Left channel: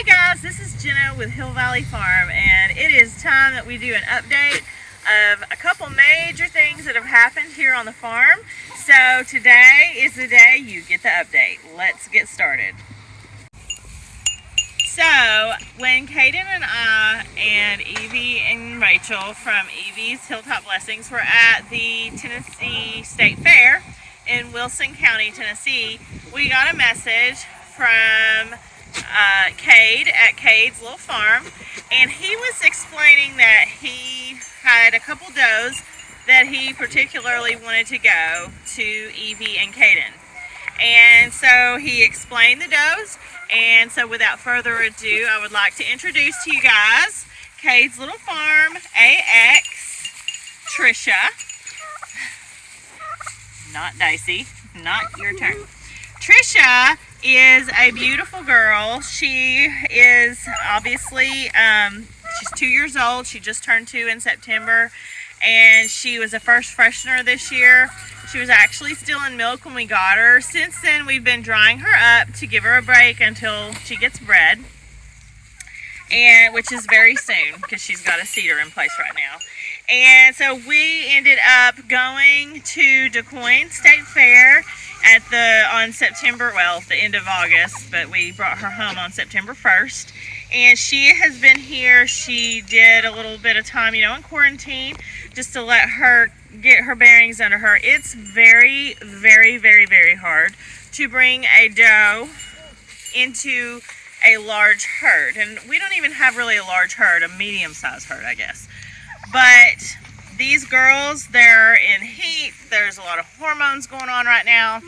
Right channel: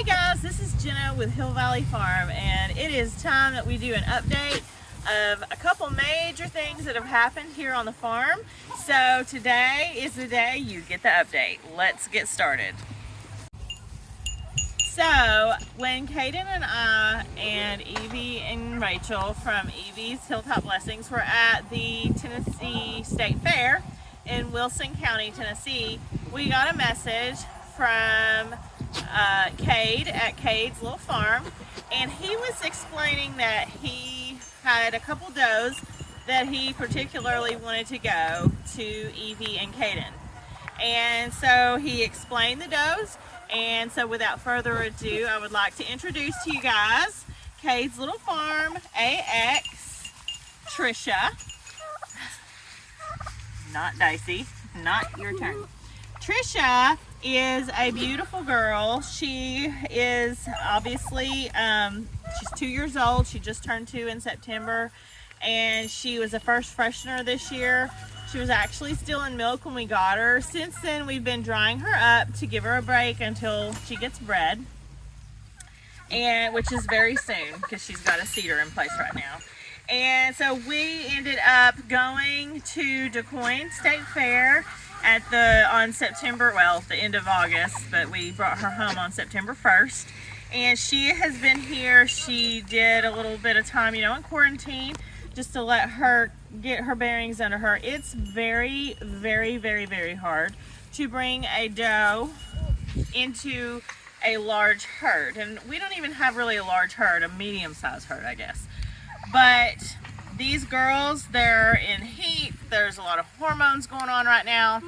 Hey guys, this is Jenna with Hill Valley Farm, and it is time that we do an update of a couple major things that have happened here on the farm. So today is the day you get the update. Let's get started. So when Kaden and I and Evie and Rachel from Evie's Hilltop Blessings were at the Tennessee State Fair in Wilson County, Tennessee, we got a message from Cade at Cade's little farm, and he was explaining that he had a couple does that he particularly wanted to go to Evie and Caden. And so he explained the does, and so without further ado, I would like to introduce to you guys Cade's little farm, AX, Trisha, not Dicey, not your turn. Trisha is a beautiful girl. She is obviously, she's 2 years old. She just turned 2 in September, and she was a first freshener this year. She was actually still in milk when we got her. Since then, we've been drying her up to give her a break until she gets bred, and which is very soon because she's got a cedar in place right now. And so we ended up going to DuQuoin State Fair on September, well, the end of August, but we brought her home on September 1st. And she has been here. She did a little bit of time, in quarantine, just to let her get her bearings under her. It's very, very, very, very hard to bring a doe into a large herd. And we don't even have really a large herd, a medium-sized herd, I guess. But these girls, they're in heat. There's a lot of hormones going on right now.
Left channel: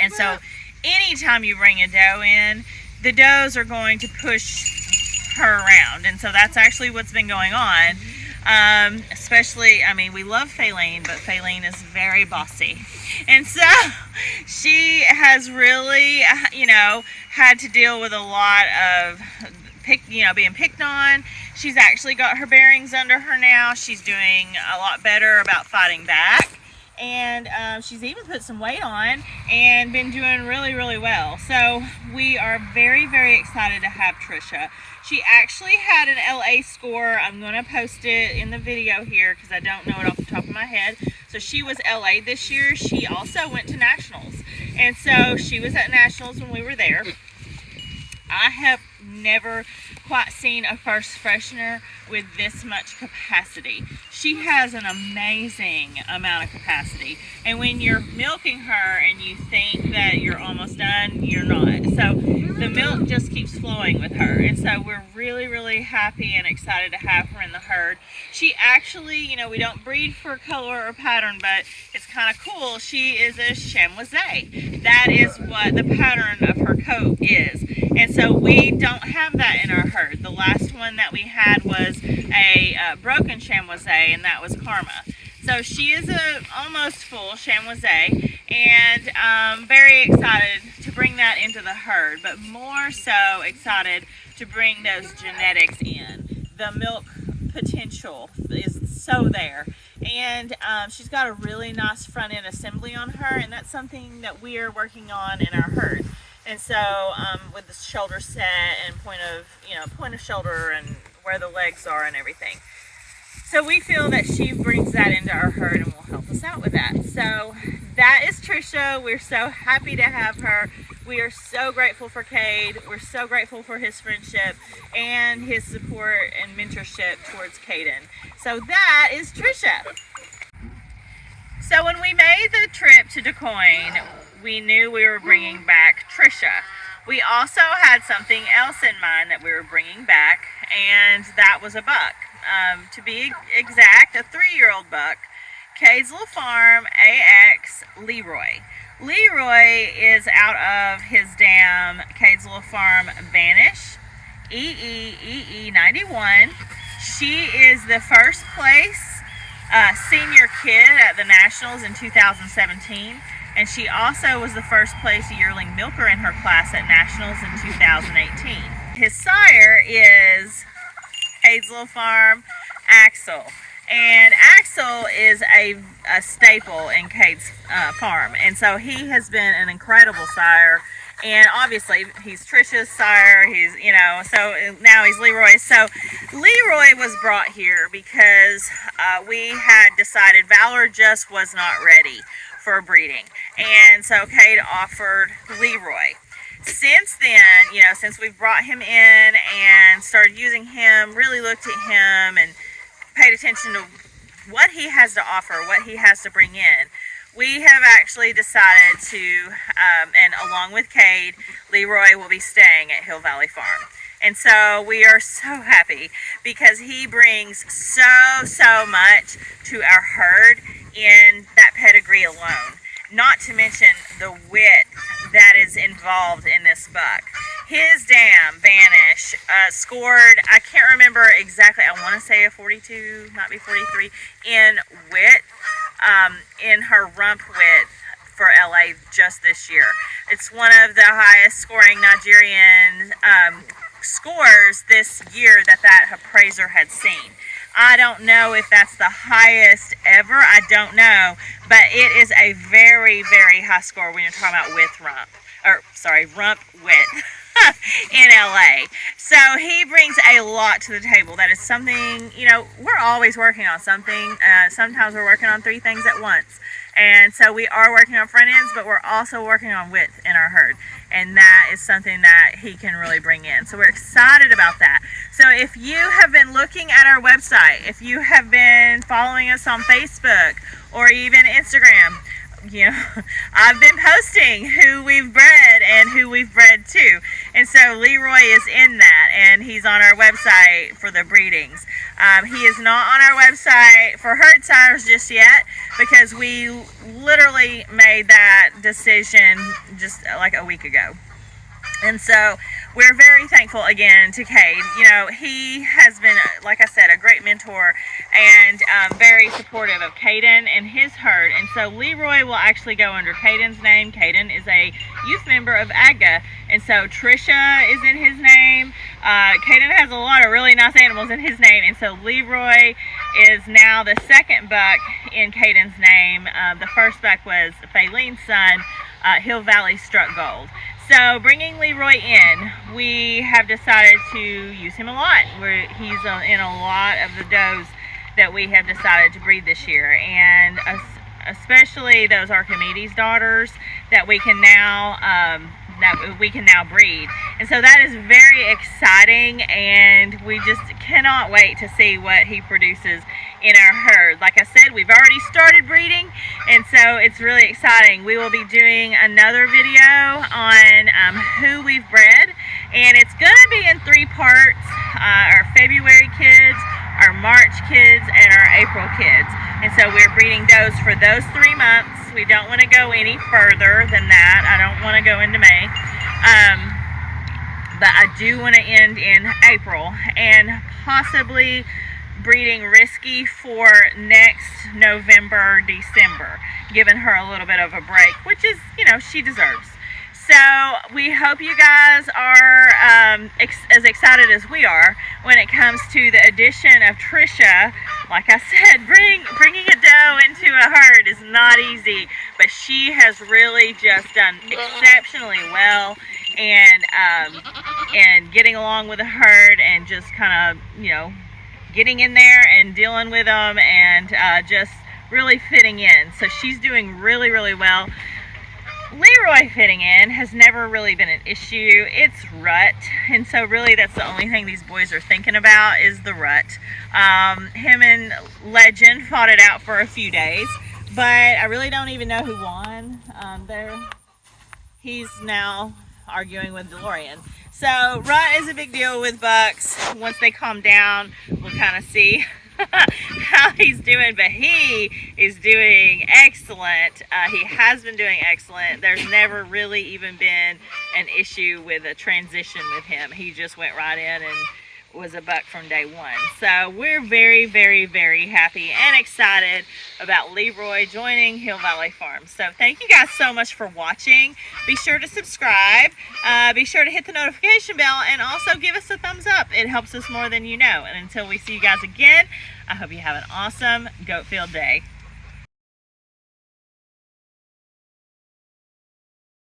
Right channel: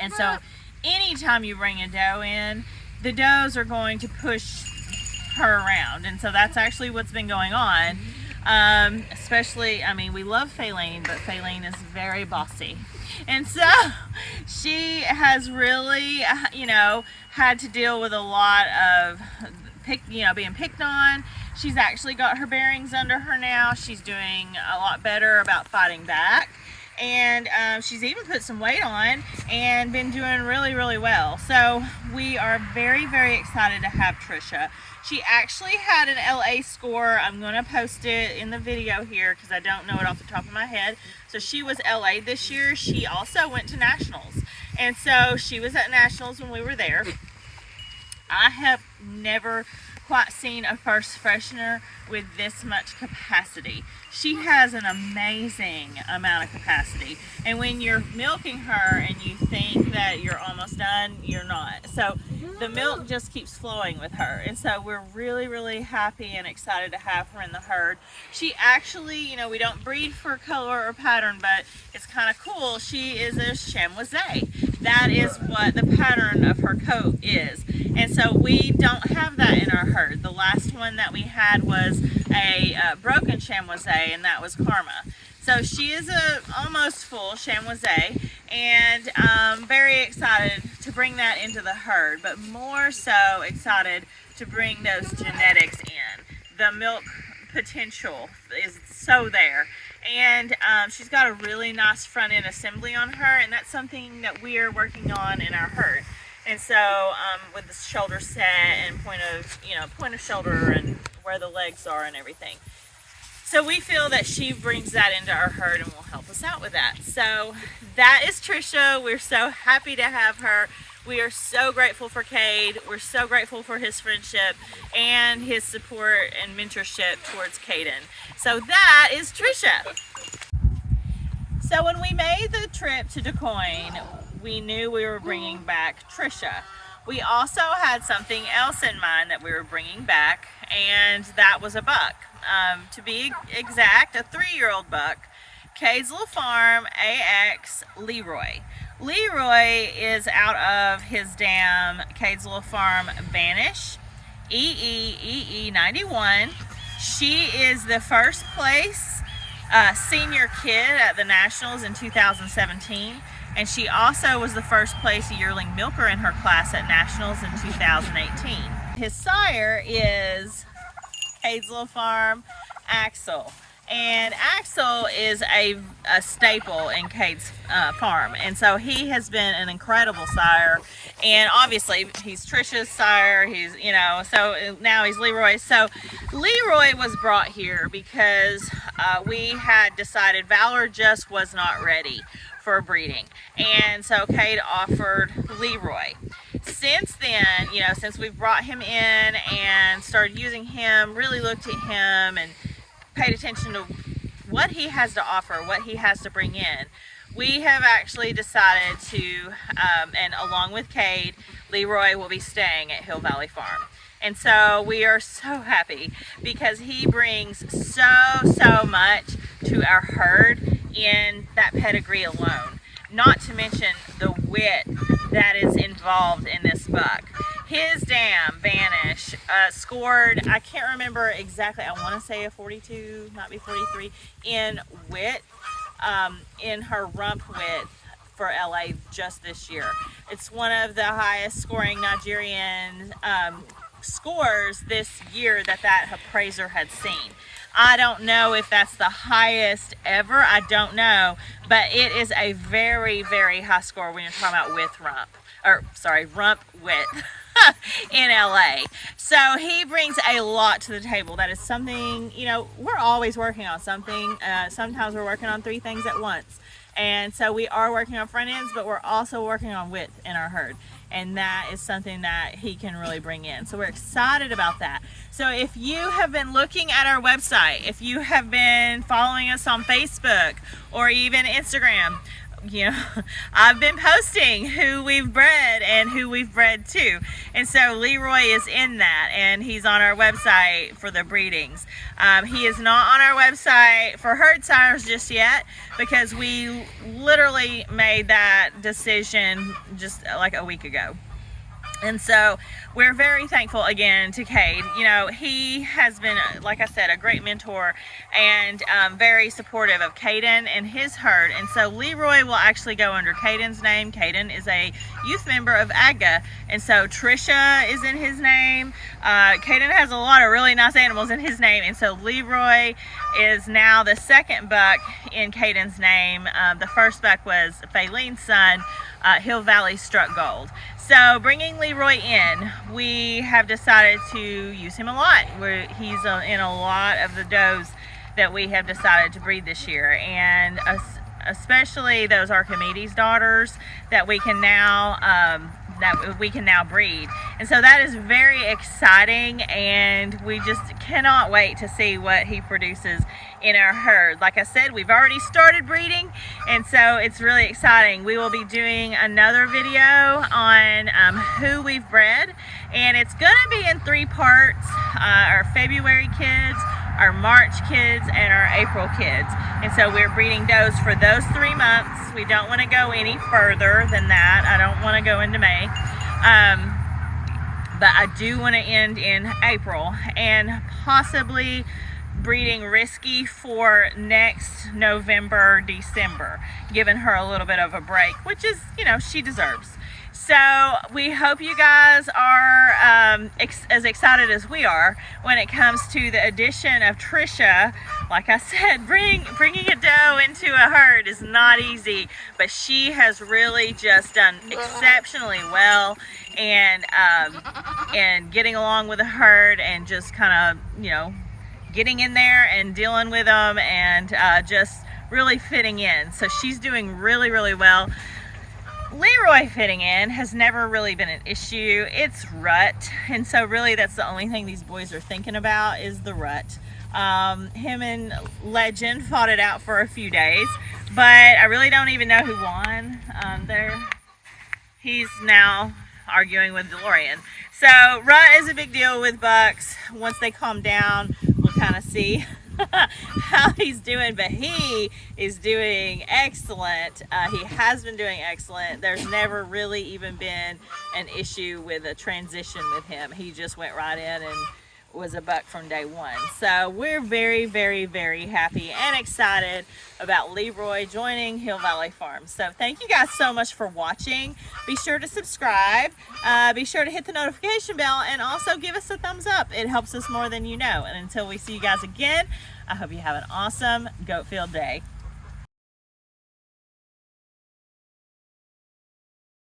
And so anytime you bring a doe in, the does are going to push her around. And so that's actually what's been going on. Especially, we love Faylene, but Faylene is very bossy. And so she has really, had to deal with a lot of being picked on. She's actually got her bearings under her now. She's doing a lot better about fighting back. And she's even put some weight on and been doing really, really well. So we are very, very excited to have Trisha. She actually had an LA score. I'm going to post it in the video here because I don't know it off the top of my head. So she was LA this year. She also went to Nationals. And so she was at Nationals when we were there. I have never quite seen a first freshener with this much capacity. She has an amazing amount of capacity, and when you're milking her and you think that you're almost done, you're not. So the milk just keeps flowing with her, and so we're really, really happy and excited to have her in the herd. She actually, we don't breed for color or pattern, but it's kind of cool. She is a chamoisée. That is what the pattern of her coat is, and so we don't have that in our herd. The last one that we had was a broken chamoisée, and that was Karma. So she is a almost full chamoisée, and very excited to bring that into the herd, but more so excited to bring those genetics in. The milk potential is so there, and she's got a really nice front end assembly on her, and that's something that we are working on in our herd. And so with the shoulder set and point of shoulder and where the legs are and everything. So we feel that she brings that into our herd and will help us out with that. So that is Trisha. We're so happy to have her. We are so grateful for Cade. We're so grateful for his friendship and his support and mentorship towards Caden. So that is Trisha. So when we made the trip to DuQuoin, we knew we were bringing back Trisha. We also had something else in mind that we were bringing back, and that was a buck. To be exact, a 3-year-old buck, Cade's little farm, AX, LeRoy. LeRoy is out of his dam, Cade's little farm, Vanish, EE91. She is the first place senior kid at the Nationals in 2017. And she also was the first place yearling milker in her class at Nationals in 2018. His sire is Cade's little farm, Axel. And Axel is a staple in Cade's farm. And so he has been an incredible sire And obviously he's Trisha's sire. He's, you know, so now he's LeRoy. So LeRoy was brought here because we had decided Valor just was not ready for breeding. And so Cade offered LeRoy. Since then, you know, since we've brought him in and started using him, really looked at him and paid attention to what he has to offer, what he has to bring in, we have actually decided to, and along with Cade, LeRoy will be staying at Hill Valley Farm. And so we are so happy because he brings so much to our herd in that pedigree alone. Not to mention the wit that is involved in this buck. His dam, Vanish, scored, I can't remember exactly, I want to say a 42, might be 43, in width, in her rump width for LA just this year. It's one of the highest scoring Nigerian scores this year that appraiser had seen. I don't know if that's the highest ever, I don't know, but it is a very high score when you're talking about rump width in LA. So he brings a lot to the table. That is something, you know, we're always working on something. Sometimes we're working on 3 things at once. And so we are working on front ends, but we're also working on width in our herd. And that is something that he can really bring in. So we're excited about that. So if you have been looking at our website, if you have been following us on Facebook or even Instagram, you know, I've been posting who we've bred and who we've bred to. And so LeRoy is in that, and he's on our website for the breedings. He is not on our website for herd sires just yet because we literally made that decision just like a week ago. And so we're very thankful again to Cade. You know, he has been, like I said, a great mentor and very supportive of Caden and his herd. And so LeRoy will actually go under Caden's name. Caden is a youth member of AGA. And so Trisha is in his name. Caden has a lot of really nice animals in his name. And so LeRoy is now the second buck in Caden's name. The first buck was Faylene's son, Hill Valley Struck Gold. So bringing LeRoy in, we have decided to use him a lot. He's in a lot of the does that we have decided to breed this year, and especially those Archimedes daughters that we can now breed. And so that is very exciting, and we just cannot wait to see what he produces in our herd. Like I said, we've already started breeding, and so it's really exciting. We will be doing another video on who we've bred, and it's going to be in 3 parts: our February kids, our March kids, and our April kids. And so we're breeding does for those 3 months. We don't want to go any further than that. I don't want to go into May. But I do want to end in April, and possibly breeding Risky for next November, December, giving her a little bit of a break, which is, you know, she deserves. So we hope you guys are as excited as we are when it comes to the addition of Trisha. Like I said, bringing a doe into a herd is not easy, but she has really just done exceptionally well, and getting along with the herd and just kind of, you know, getting in there and dealing with them and just really fitting in. So she's doing really well. LeRoy fitting in has never really been an issue. It's rut, and so really that's the only thing these boys are thinking about is the rut. Him and Legend fought it out for a few days, but I really don't even know who won. He's now arguing with DeLorean. So rut is a big deal with bucks. Once they calm down, we'll kind of see how he's doing, but he is doing excellent. He has been doing excellent. There's never really even been an issue with a transition with him. He just went right in and was a buck from day one. So we're very happy and excited about LeRoy joining Hill Valley Farm. So thank you guys so much for watching. Be sure to subscribe. Be sure to hit the notification bell, and also give us a thumbs up. It helps us more than you know. And until we see you guys again, I hope you have an awesome goat field day.